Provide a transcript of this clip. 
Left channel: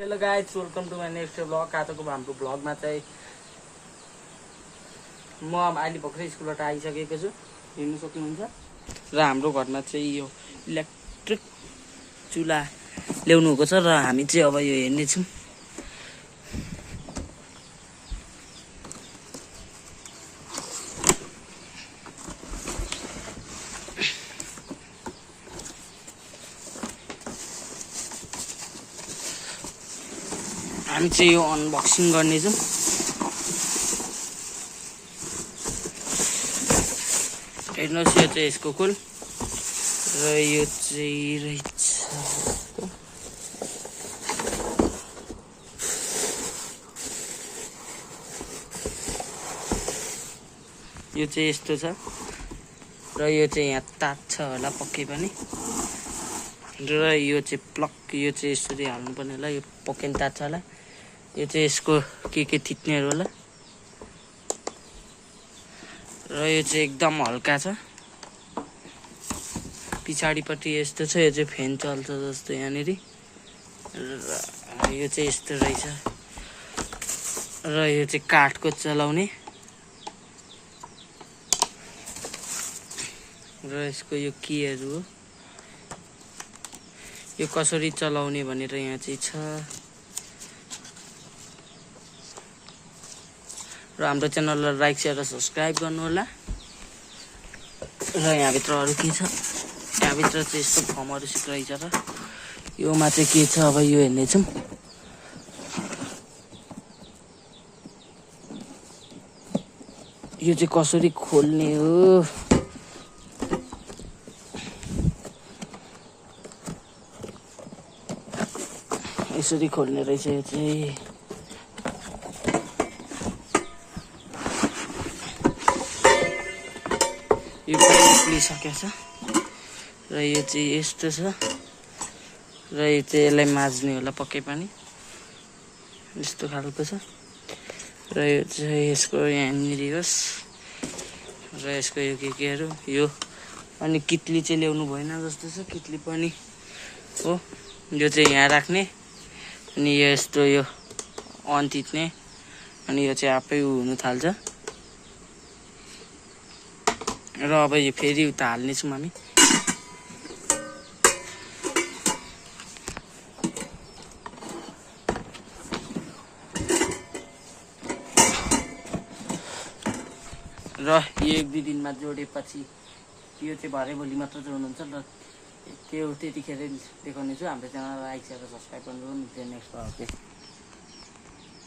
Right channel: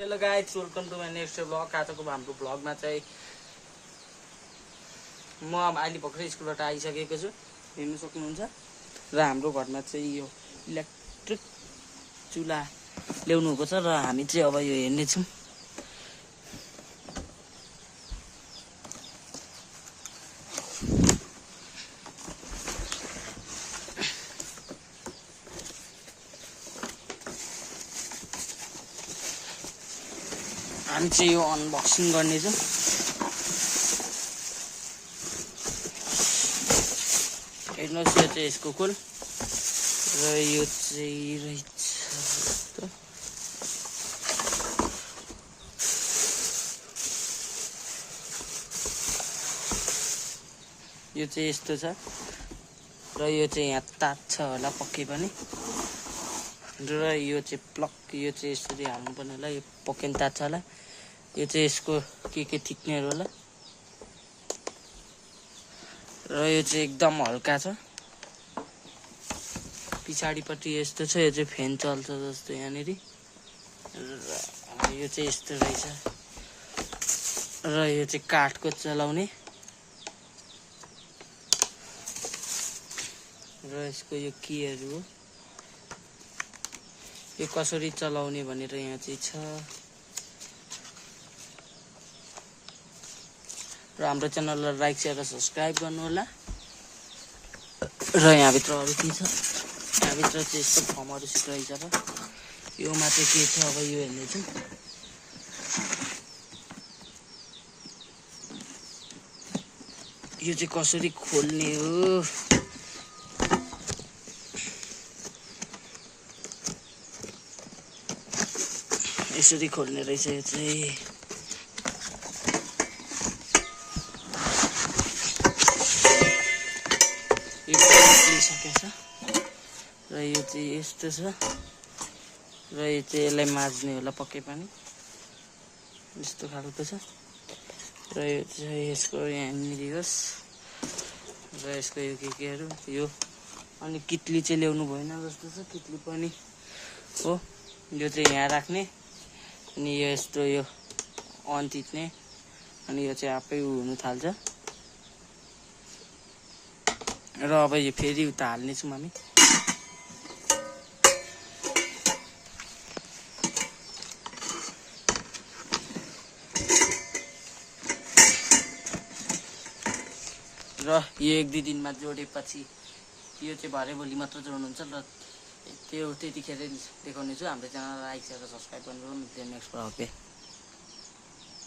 Hello guys, welcome to my next blog. आजको हाम्रो ब्लगमा चाहिँ म अब अहिले भर्खरै स्कुलबाट आइसकेको छु, हेर्नु सक्नुहुन्छ। र हाम्रो घरमा चाहिँ यो इलेक्ट्रिक चुल्हा ल्याउनु भएको छ र हामी चाहिँ अब यो हेर्नेछौँ। हामी चाहिँ यो अनबक्सिङ गर्नेछौँ। हेर्नुहोस्, यो चाहिँ यसको खोल र यो चाहिँ रहेछ यो चाहिँ यस्तो छ र यो चाहिँ यहाँ तात्छ होला पक्कै पनि। र यो चाहिँ प्लग, यो चाहिँ यसरी हाल्नुपर्ने होला, यो पक्कै पनि तात्छ होला। यो चाहिँ यसको के थिच्नेहरू होला र यो चाहिँ एकदम हल्का छ। पछाडिपट्टि यस्तो छ, यो चाहिँ फ्यान चल्छ जस्तो यहाँनिर। र यो चाहिँ यस्तो रहेछ र यो चाहिँ काठको चलाउने र यसको यो कीहरू हो। यो कसरी चलाउने भनेर यहाँ चाहिँ छ। र हाम्रो च्यानललाई लाइक शेयर र सब्सक्राइब गर्नु होला। र यहाँभित्र अरू के छ, यहाँभित्र चाहिँ यस्तो फर्महरू रहेछ र योमा चाहिँ के छ अब यो हेर्नेछौँ। यो चाहिँ कसरी खोल्ने हो। यसरी खोल्ने रहेछ यो चाहिँ। यो निस्किसकेको छ र यो चाहिँ यस्तो छ र यो चाहिँ यसलाई माझ्ने होला पक्कै पनि, यस्तो खालको छ। र यो चाहिँ यसको यहाँनिर होस् र यसको यो केहरू यो अनि कितली चाहिँ ल्याउनु भएन जस्तो छ। कितली पनि हो, यो चाहिँ यहाँ राख्ने अनि यो यस्तो यो अन थिच्ने अनि यो चाहिँ आफै हुनु थाल्छ। र अब यो फेरि उता हाल्नेछौँ हामी। र यो 1-2 दिनमा जोडेपछि यो चाहिँ भरे भोलि मात्र जोड्नुहुन्छ र त्यतिखेर देखाउने छु। हाम्रो च्यानललाई लाइक शेयर र सब्सक्राइब गर्नु। नेक्स्ट